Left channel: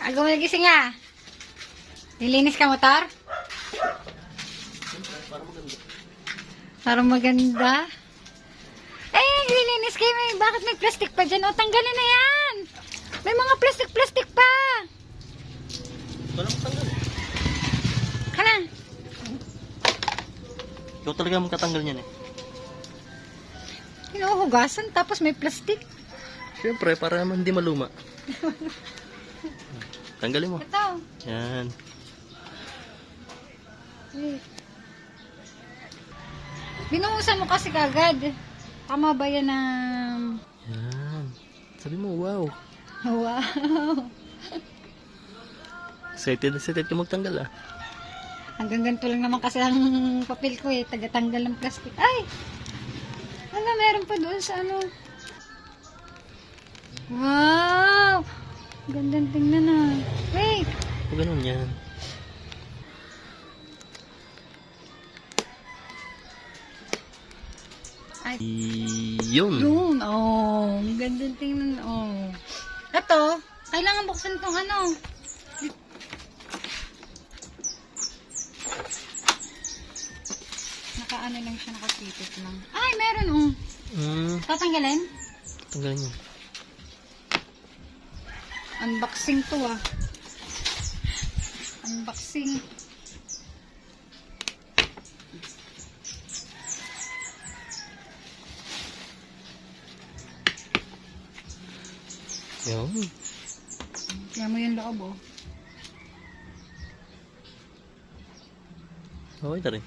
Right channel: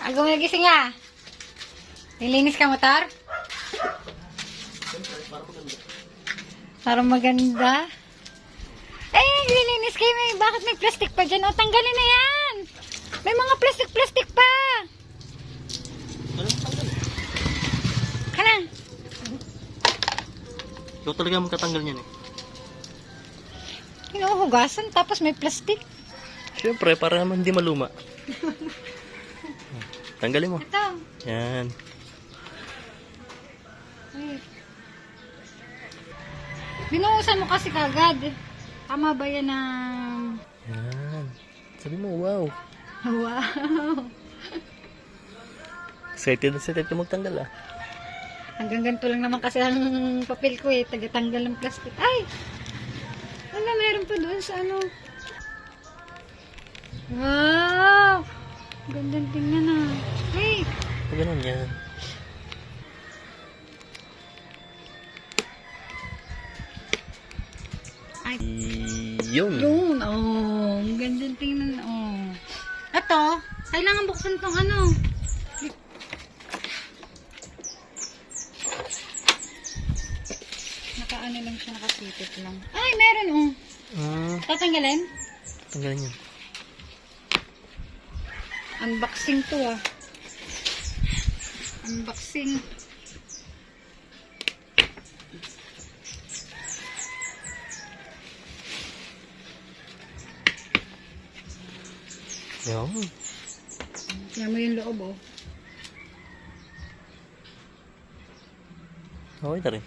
Agaw mo nagising nga. Nilinis ka motor? Para maganda. Eh, nilinis kayo. Bakit may plastic pa dyan? O, tanggalin na yan. May mga plastic pa. Walang tanggal. Kana. Ikaw talaga magkatanggal niyan eh. Hinuhugasan tapos may plastic. Siyempre, para naman hindi maluma. Tanggalin mo. Ito. Yan. Ay. Binuhusan mo kasi kagad. Tama ba yan ng... Yan. Sabi mo, wow. Wow. Excited na excited ka magtanggal ah. Hanggang ganito lang naman kasi ang papel ko eh. Tagatanggal ng plastic. Ay! Hanggang meron pa doon sa ano. Wow! Gandang tingnan ah. Hey! O ganun yan. Ay. Yun. Yun. Oh. Gandang tingnan. Oh. Ito. Kailangan buksan tong ano. Nakaano lang siya. Nakapipit lang. Ay, meron oh. Tatanggalin? Tanggalin yan. Unboxing to ah. Unboxing. Yun. Tingnan mo yung loob oh. Okay na rin.